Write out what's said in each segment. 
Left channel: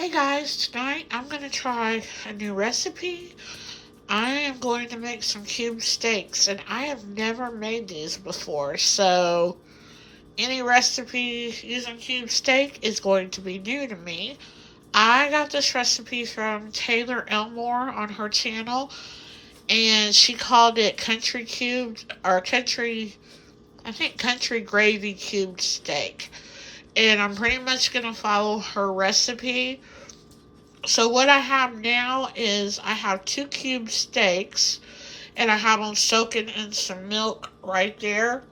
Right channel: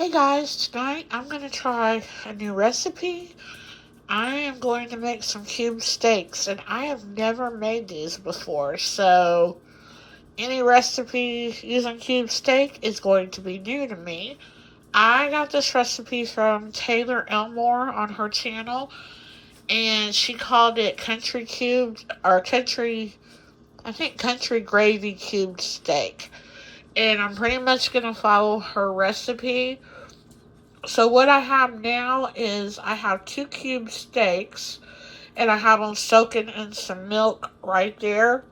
Hey guys, tonight I'm going to try a new recipe. I am going to make some cube steaks, and I have never made these before, so any recipe using cube steak is going to be new to me. I got this recipe from Taylor Elmore on her channel, and she called it country cubed, or country gravy cubed steak. And I'm pretty much going to follow her recipe. So what I have now is I have 2 cube steaks and I have them soaking in some milk right there.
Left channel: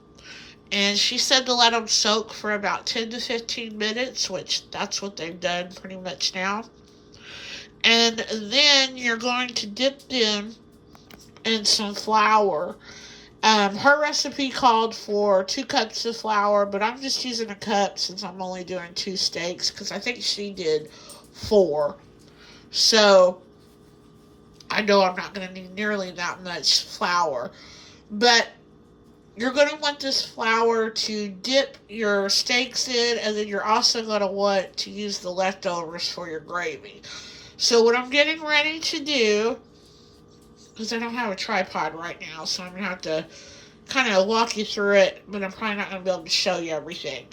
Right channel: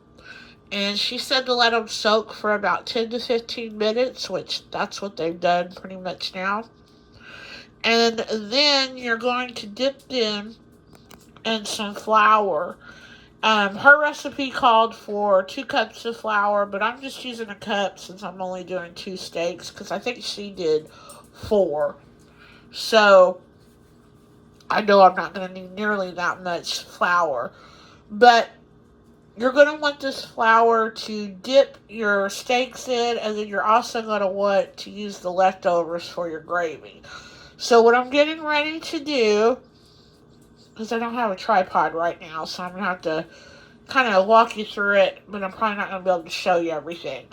And she said to let them soak for about 10 to 15 minutes, which that's what they've done pretty much now. And then you're going to dip them in some flour. Her recipe called for 2 cups of flour, but I'm just using a cup since I'm only doing 2 steaks because I think she did 4. So I know I'm not going to need nearly that much flour. But you're going to want this flour to dip your steaks in, and then you're also going to want to use the leftovers for your gravy. So what I'm getting ready to do, because I don't have a tripod right now, so I'm going to have to kind of walk you through it, but I'm probably not going to be able to show you everything.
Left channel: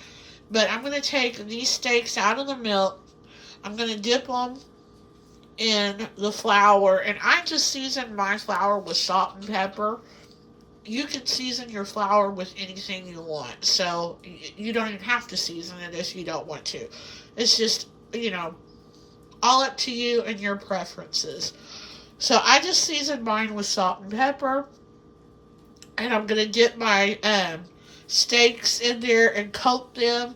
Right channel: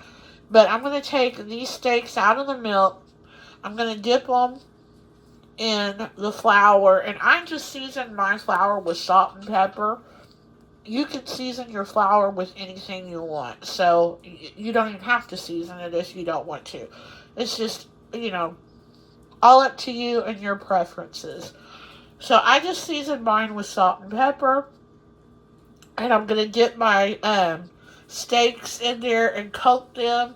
But I'm going to take these steaks out of the milk. I'm going to dip them in the flour, and I just season my flour with salt and pepper. You can season your flour with anything you want, so you don't even have to season it if you don't want to. It's just, all up to you and your preferences. So I just seasoned mine with salt and pepper, and I'm going to dip my steaks in there and coat them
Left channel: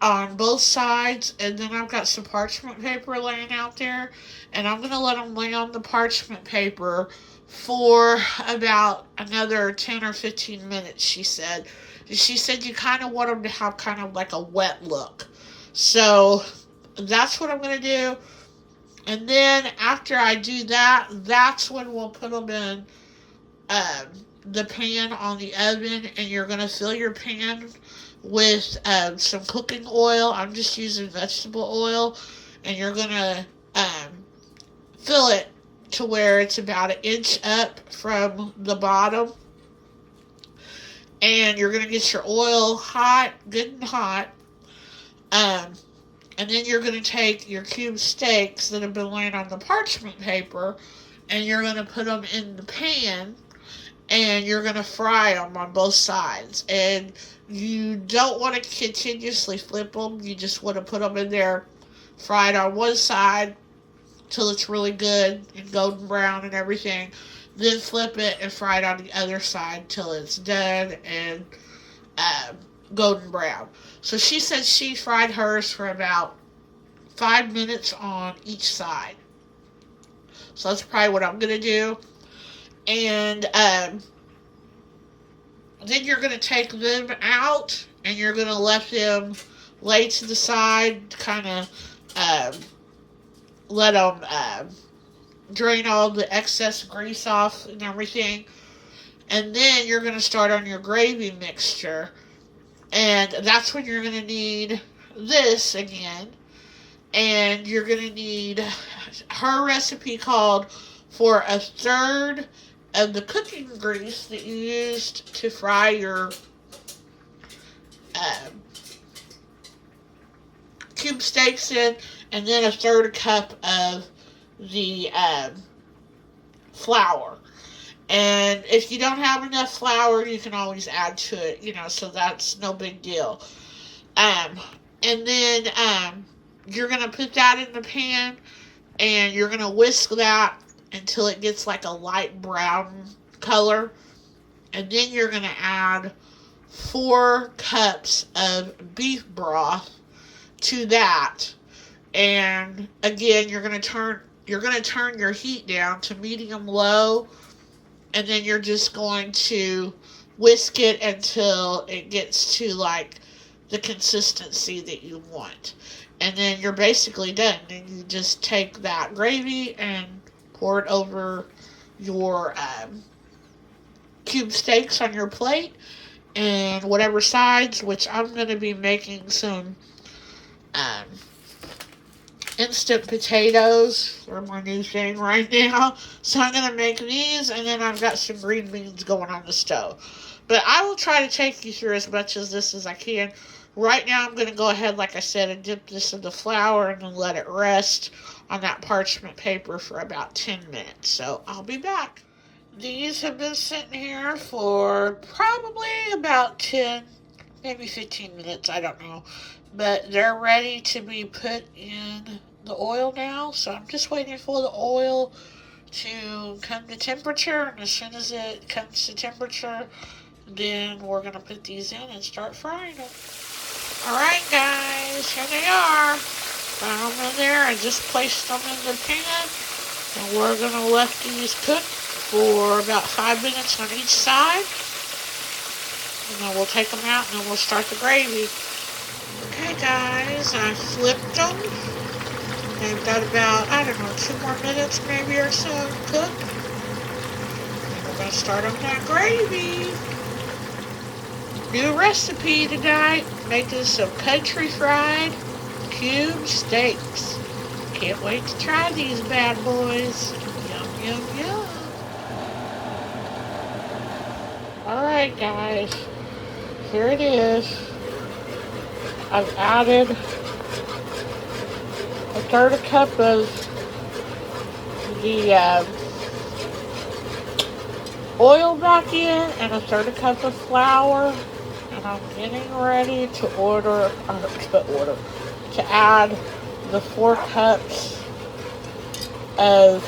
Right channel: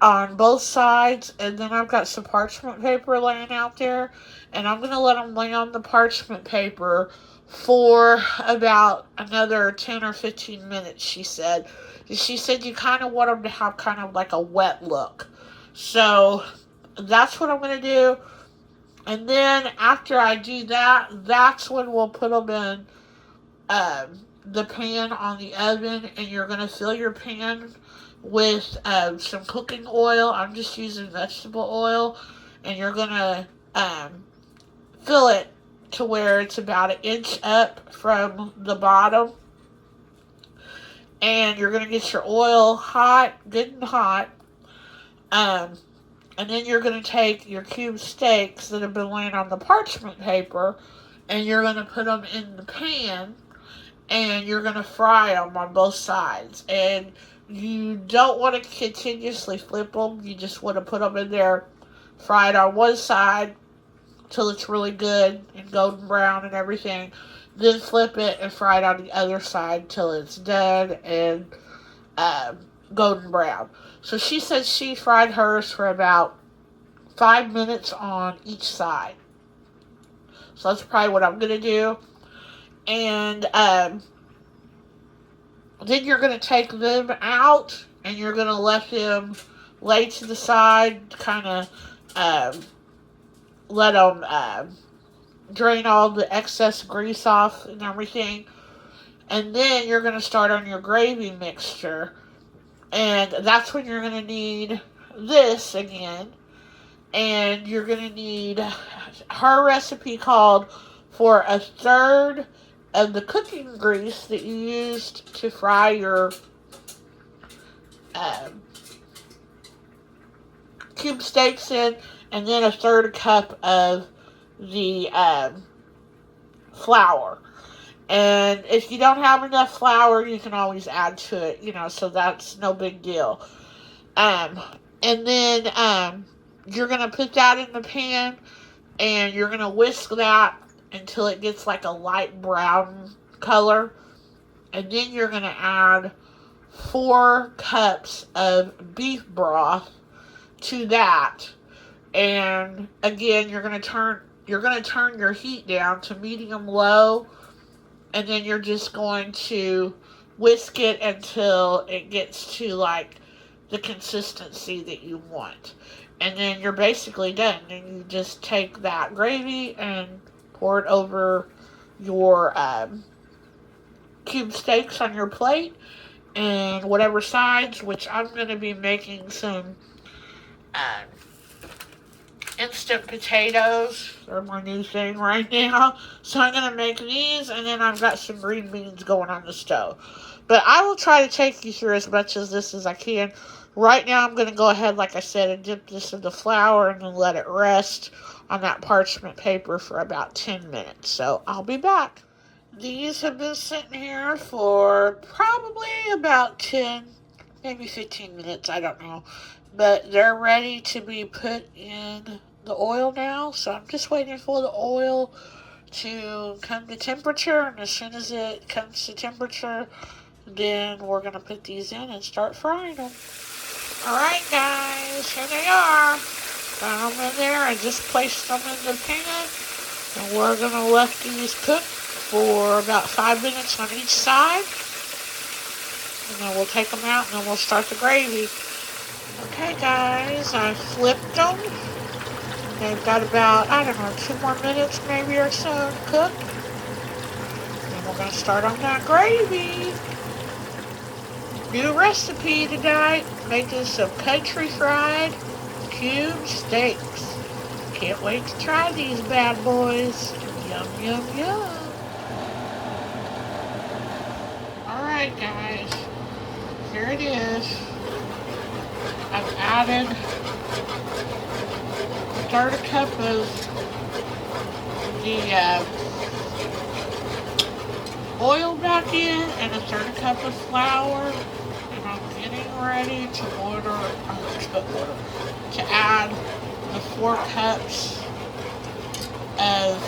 on both sides, and then I've got some parchment paper laying out there, and I'm going to let them lay on the parchment paper for about another 10 or 15 minutes, she said. She said you kind of want them to have kind of like a wet look. So that's what I'm going to do. And then after I do that, that's when we'll put them in the pan on the oven, and you're going to fill your pan with some cooking oil. I'm just using vegetable oil, and you're going to fill it to where it's about 1 inch up from the bottom. And you're going to get your oil hot, good and hot. And then you're going to take your cube steaks that have been laying on the parchment paper, and you're going to put them in the pan, and you're going to fry them on both sides. And you don't want to continuously flip them. You just want to put them in there, fried on one side till it's really good and golden brown and everything. Then flip it and fry it on the other side till it's done and golden brown. So she said she fried hers for about 5 minutes on each side. So that's probably what I'm going to do. And then you're going to take them out, and you're going to let them lay to the side, kind of let them drain all the excess grease off and everything. And then you're going to start on your gravy mixture. And that's when you're going to need this again. And you're going to need, her recipe called for 1/3 of the cooking grease that you used to fry your cube steaks in, and then 1/3 cup of the flour. And if you don't have enough flour, you can always add to it, so that's no big deal. And then you're going to put that in the pan, and you're going to whisk that until it gets like a light brown color. And then you're going to add 4 cups of beef broth to that. And again, you're going to turn your heat down to medium low, and then you're just going to whisk it until it gets to like the consistency that you want. And then you're basically done. And you just take that gravy and pour it over your cube steaks on your plate, and whatever sides, which I'm going to be making some instant potatoes. They're my new thing right now. So I'm going to make these, and then I've got some green beans going on the stove. But I will try to take you through as much of this as I can. Right now, I'm going to go ahead, like I said, and dip this in the flour and then let it rest on that parchment paper for about 10 minutes. So I'll be back. These have been sitting here for probably about 10, maybe 15 minutes, I don't know. But they're ready to be put in the oil now. So I'm just waiting for the oil to come to temperature. And as soon as it comes to temperature, then we're going to put these in and start frying them. Alright guys, here they are. Got them in there. I just placed them in the pan. And we're going to let these cook for about 5 minutes on each side. And then we'll take them out and then we'll start the gravy. Okay guys, I flipped them. They've got about, 2 more minutes maybe or so to cook. And we're going to start on that gravy. New recipe tonight, making some country fried cube steaks. Can't wait to try these bad boys. Yum, yum, yum. Alright guys, here it is. I've added a third cup of the oil back in and a third cup of flour. And I'm getting ready to add the 4 cups of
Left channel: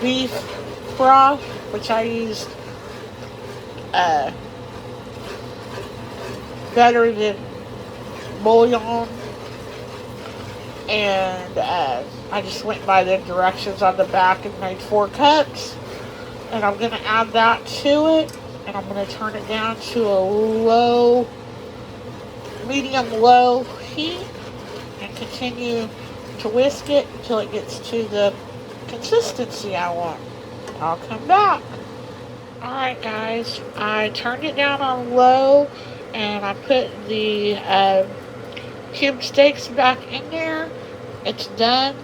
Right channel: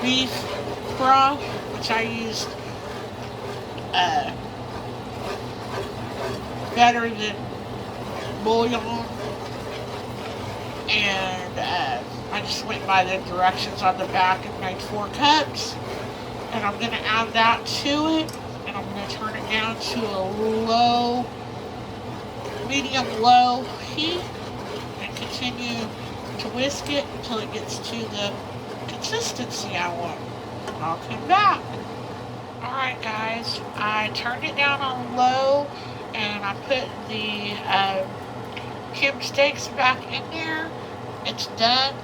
beef broth, which I used better than bouillon, and I just went by the directions on the back and made 4 cups, and I'm going to add that to it, and I'm going to turn it down to a medium-low heat, and continue to whisk it until it gets to the consistency I want. I'll come back. Alright guys, I turned it down on low, and I put the cube steaks back in there. It's done,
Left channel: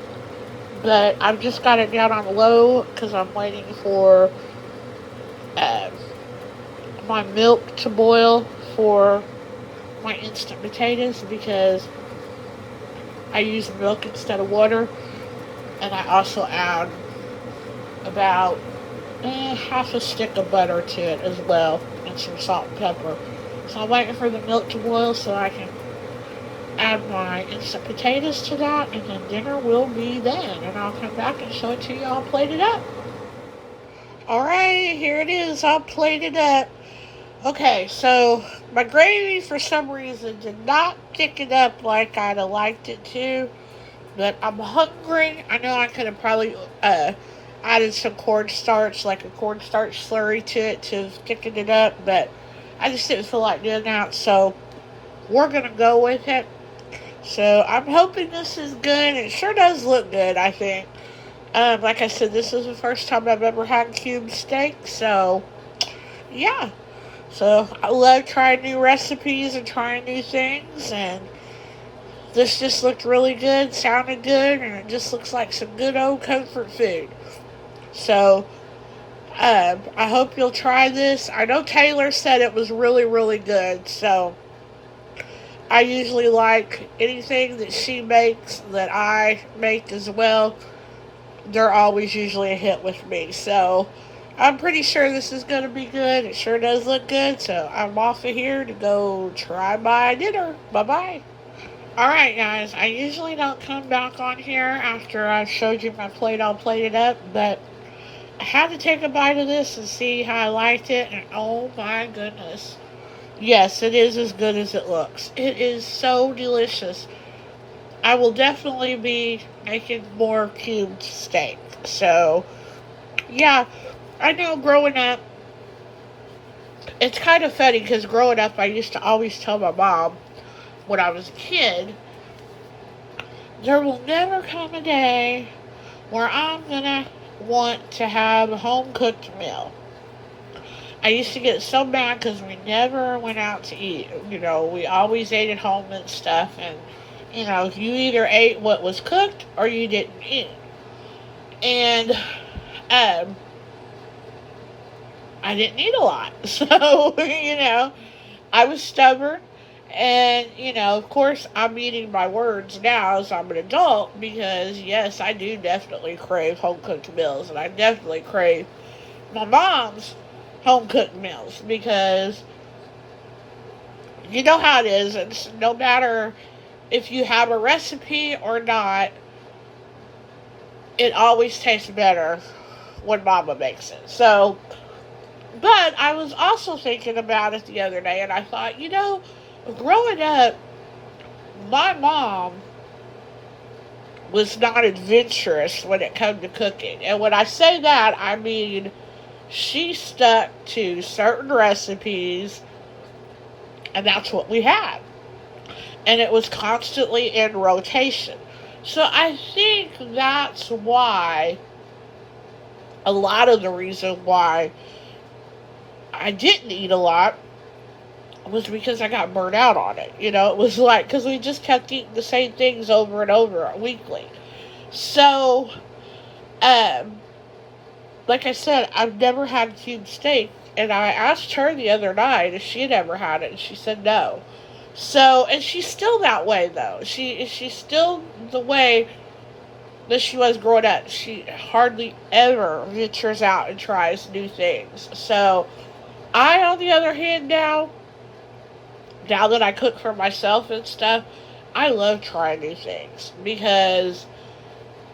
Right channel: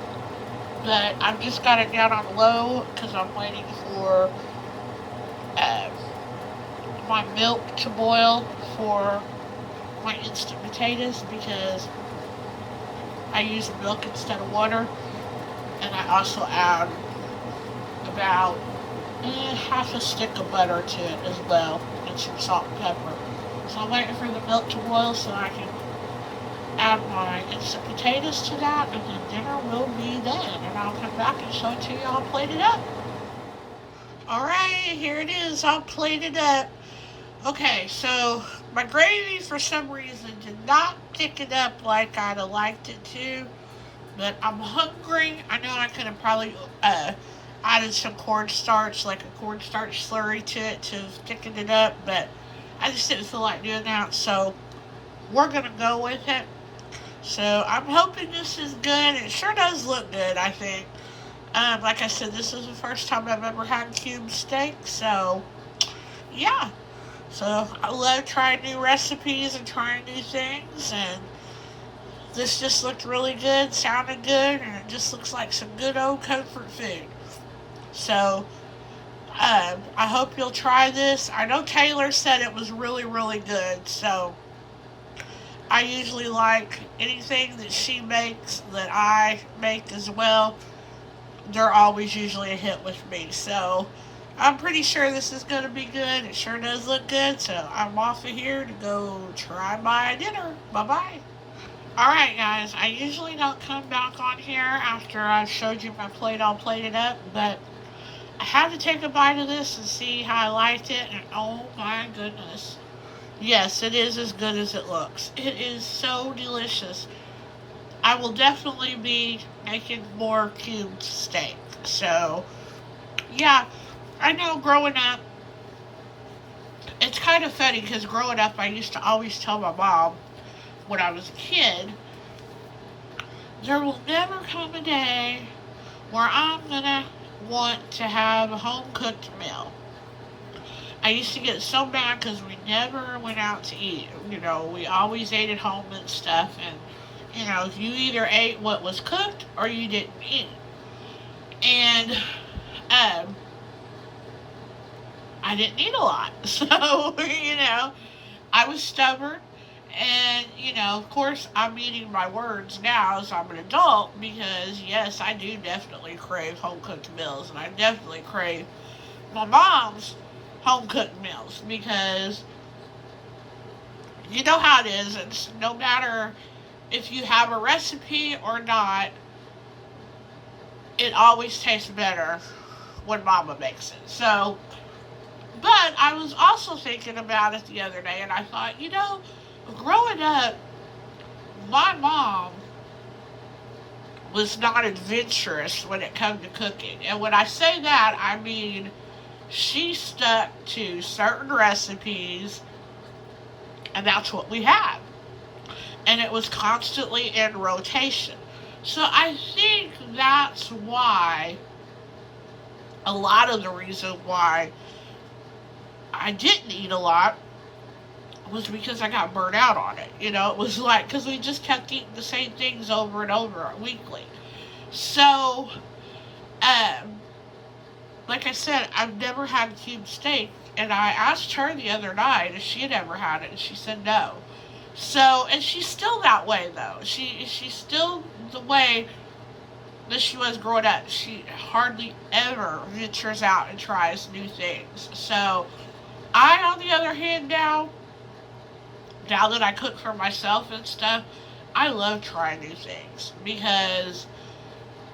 but I've just got it down on low because I'm waiting for my milk to boil for my instant potatoes, because I use milk instead of water, and I also add about half a stick of butter to it as well, and some salt and pepper. So I'm waiting for the milk to boil so I can add my instant potatoes to that, and then dinner will be done, and I'll come back and show it to you all plated up. Alright, here it is, all plated up. Okay, so my gravy for some reason did not thick it up like I'd have liked it to, but I'm hungry. I know I could have probably added some cornstarch, like a cornstarch slurry to it to thicken it up, but I just didn't feel like doing that, so we're going to go with it. So I'm hoping this is good. It sure does look good, I think. Like I said, this is the first time I've ever had cube steak, so yeah. So I love trying new recipes and trying new things, and this just looked really good, sounded good, and it just looks like some good old comfort food. So I hope you'll try this. I know Taylor said it was really, really good, so I usually like anything that she makes that I make as well. They're always usually a hit with me, so I'm pretty sure this is going to be good. It sure does look good, so I'm off of here to go try my dinner. Bye-bye. Alright guys, I usually don't come back on here after I've showed you my plate all plated up, but I had to take a bite of this and see how I liked it, and oh my goodness. Yes, it is as good as it looks. It is so delicious. I will definitely be making more cubed steak. So, yeah, I know growing up, it's kind of funny because growing up I used to always tell my mom when I was a kid, there will never come a day where I'm going to want to have a home-cooked meal. I used to get so mad because we never went out to eat. You know, we always ate at home and stuff, and You either ate what was cooked or you didn't eat. And um, I didn't eat a lot. So, I was stubborn. And, of course, I'm eating my words now as I'm an adult because, yes, I do definitely crave home cooked meals. And I definitely crave my mom's home cooked meals because you know how it is. It's no matter if you have a recipe or not, it always tastes better when mama makes it. So, but I was also thinking about it the other day and I thought, growing up, my mom was not adventurous when it came to cooking. And when I say that, I mean she stuck to certain recipes and that's what we had. And it was constantly in rotation. So I think that's why a lot of the reason why I didn't eat a lot was because I got burnt out on it. It was like, because we just kept eating the same things over and over weekly. So, um, like I said, I've never had cube steak. And I asked her the other night if she had ever had it, and she said no. So, and she's still that way though. She's still the way that she was growing up. She hardly ever ventures out and tries new things. So, I, on the other hand, now that I cook for myself and stuff, I love trying new things because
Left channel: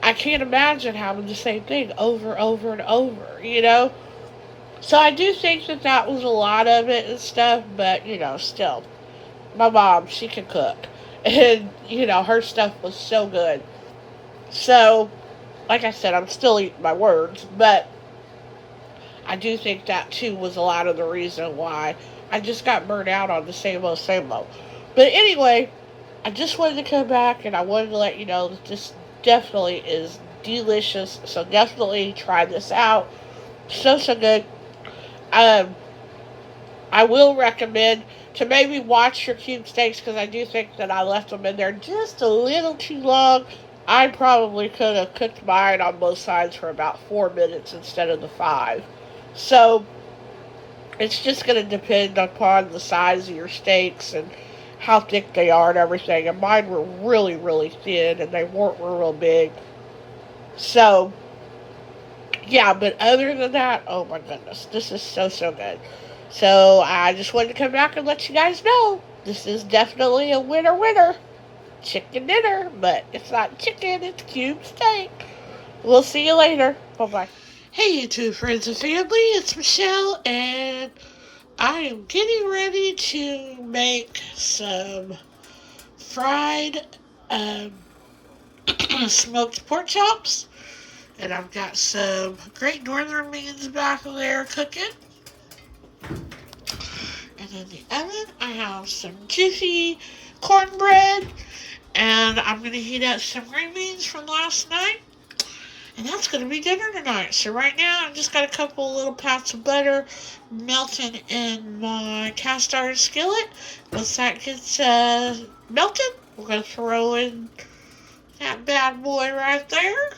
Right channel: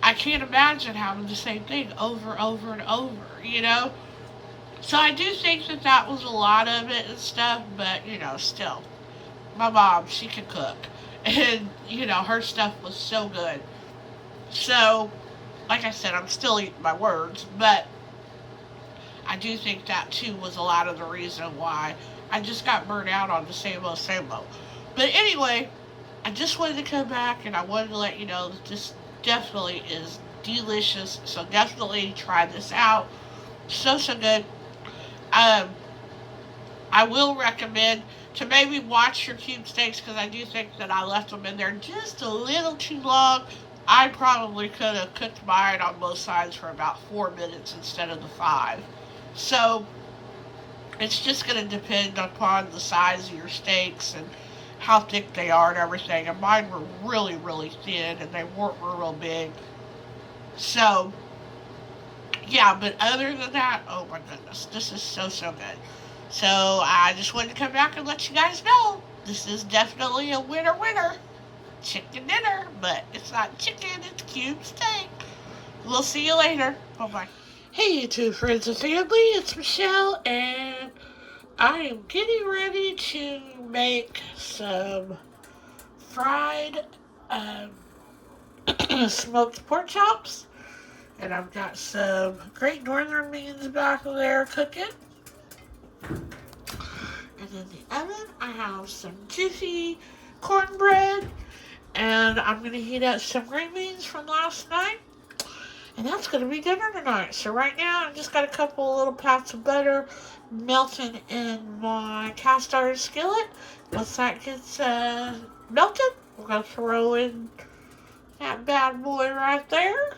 I can't imagine having the same thing over, over, and over. So I do think that that was a lot of it and stuff, but, still, my mom, she can cook. And, her stuff was so good. So, like I said, I'm still eating my words, but I do think that too was a lot of the reason why I just got burnt out on the same old, same old. But anyway, I just wanted to come back and I wanted to let you know that this definitely is delicious. So definitely try this out. So, so good. Um, I will recommend to maybe watch your cube steaks because I do think that I left them in there just a little too long. I probably could have cooked mine on both sides for about 4 minutes instead of the 5. So it's just going to depend upon the size of your steaks and how thick they are and everything. And mine were really, really thin and they weren't real big. So, yeah, but other than that, oh my goodness, this is so, so good. So I just wanted to come back and let you guys know this is definitely a winner winner. Chicken dinner, but it's not chicken, it's cube steak. We'll see you later. Bye bye. Hey, YouTube friends and family, it's Michelle, and I am getting ready to make some fried smoked pork chops. And I've got some Great Northern beans back there cooking. And in the oven, I have some juicy cornbread. And I'm going to heat up some green beans from last night. And that's going to be dinner tonight. So right now, I've just got a couple of little pats of butter melting in my cast iron skillet. Once that gets melted, we're going to throw in that bad boy right there.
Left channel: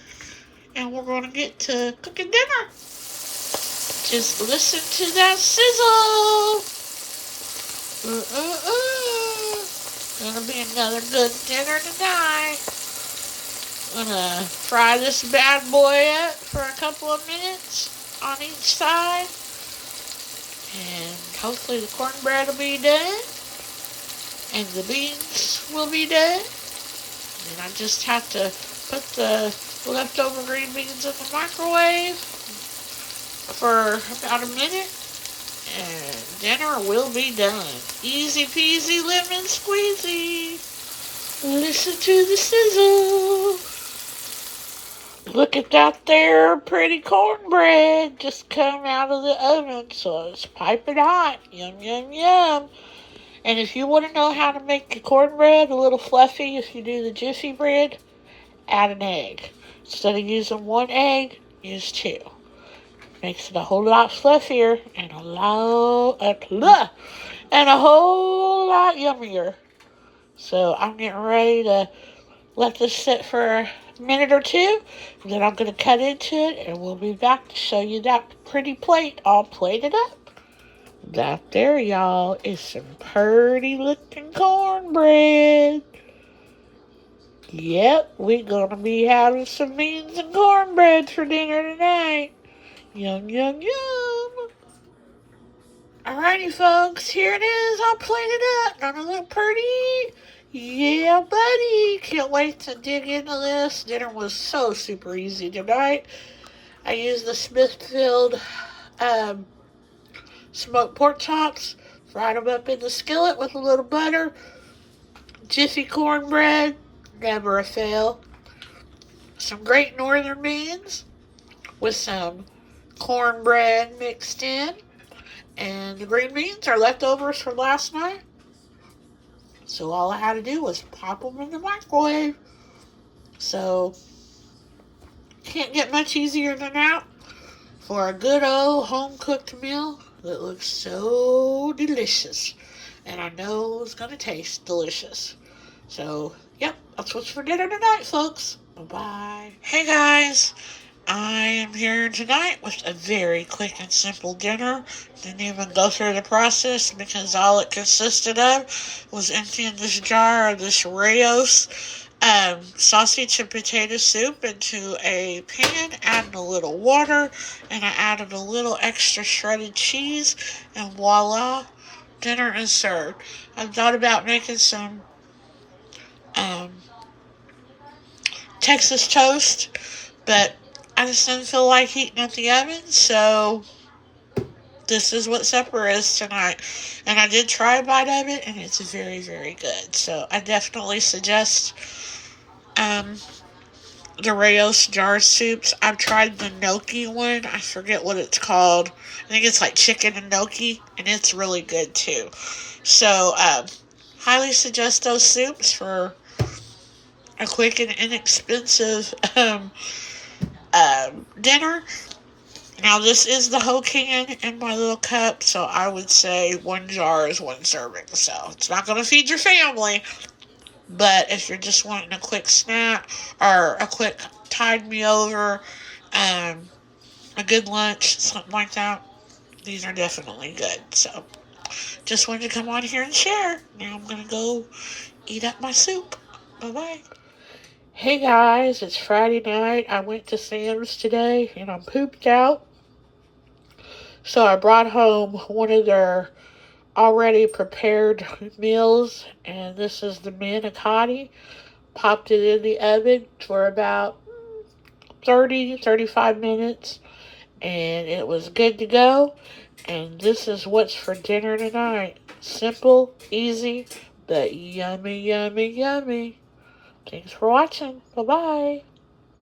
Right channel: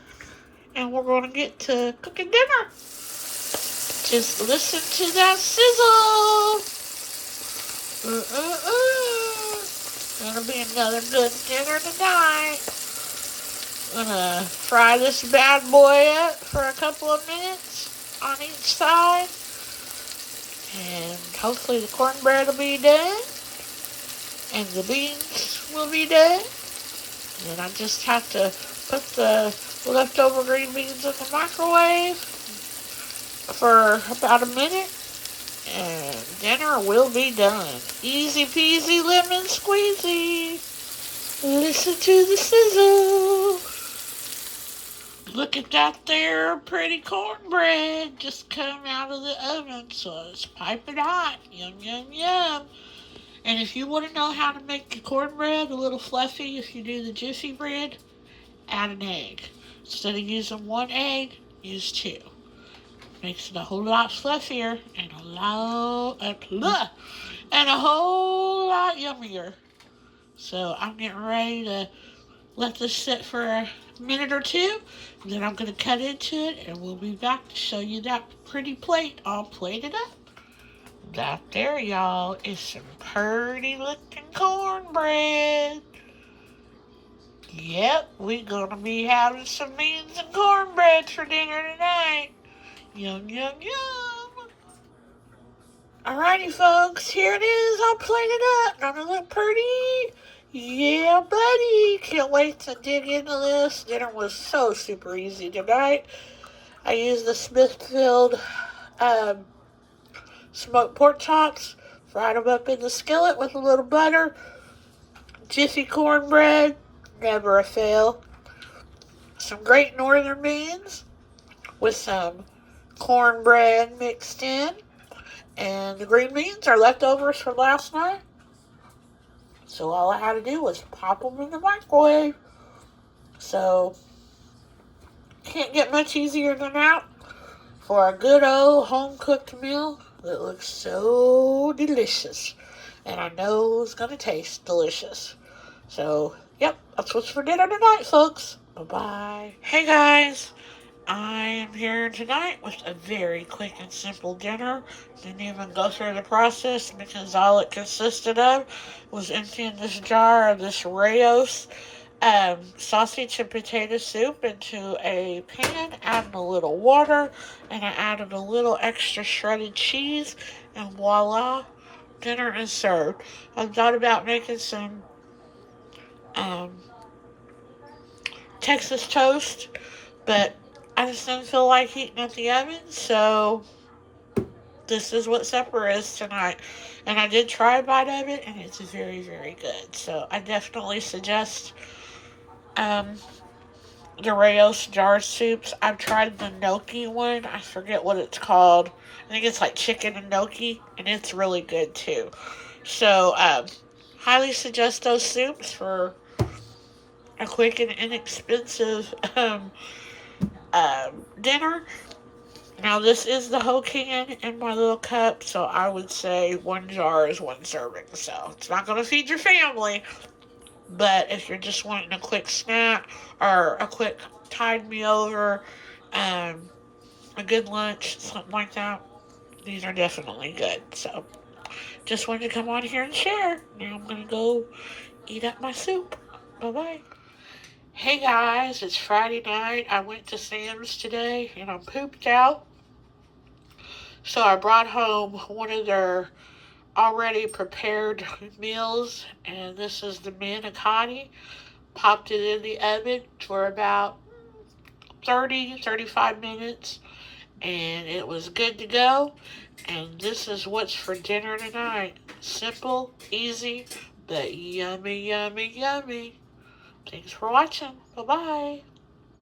And we're going to get to cooking dinner. Just listen to that sizzle. Gonna be another good dinner tonight. Gonna fry this bad boy up for a couple of minutes on each side. And hopefully the cornbread will be done. And the beans will be done. And I just have to put the leftover green beans in the microwave for about a minute. And dinner will be done. Easy peasy lemon squeezy. Listen to the sizzle. Look at that there pretty cornbread just come out of the oven. So it's piping hot. Yum, yum, yum. And if you want to know how to make your cornbread a little fluffy, if you do the Jiffy bread, add an egg. Instead of using one egg, use 2. Makes it a whole lot fluffier and a whole lot yummier. So I'm getting ready to let this sit for a minute or two. And then I'm going to cut into it and we'll be back to show you that pretty plate all plated up. That there, y'all, is some pretty looking cornbread. Yep, we're gonna be having some beans and cornbread for dinner tonight. Yum, yum, yum. Alrighty, folks, here it is, all plated up. Don't it look pretty? Yeah, buddy. Can't wait to dig into this. Dinner was so super easy tonight. I used the Smithfield smoked pork chops, fried them up in the skillet with a little butter. Jiffy cornbread, never a fail. Some Great Northern beans with some cornbread mixed in. And the green beans are leftovers from last night. So all I had to do was pop them in the microwave. So, can't get much easier than that for a good old home-cooked meal that looks so delicious. And I know it's going to taste delicious. So, yep, that's what's for dinner tonight, folks. Bye-bye. Hey, guys. I am here tonight with a very quick and simple dinner. Didn't even go through the process because all it consisted of was emptying this jar of this Rao's sausage and potato soup into a pan, adding a little water, and I added a little extra shredded cheese, and voila, dinner is served. I've thought about making some Texas toast, but I just didn't feel like heating up the oven, so this is what supper is tonight. And I did try a bite of it, and it's very, very good. So I definitely suggest the Rao's jar soups. I've tried the gnocchi one. I forget what it's called. I think it's like chicken and gnocchi, and it's really good too. So highly suggest those soups for a quick and inexpensive dinner. Now, this is the whole can in my little cup, so I would say one jar is one serving. So it's not going to feed your family, but if you're just wanting a quick snack or a quick tide me over, a good lunch, something like that, these are definitely good. So just wanted to come on here and share. Now I'm going to go eat up my soup. Bye-bye. Hey guys, it's Friday night. I went to Sam's today and I'm pooped out. So I brought home one of their already prepared meals, and this is the manicotti. Popped it in the oven for about 35 minutes, and it was good to go. And this is what's for dinner tonight. Simple, easy, but yummy, yummy, yummy. Thanks for watching. Bye-bye.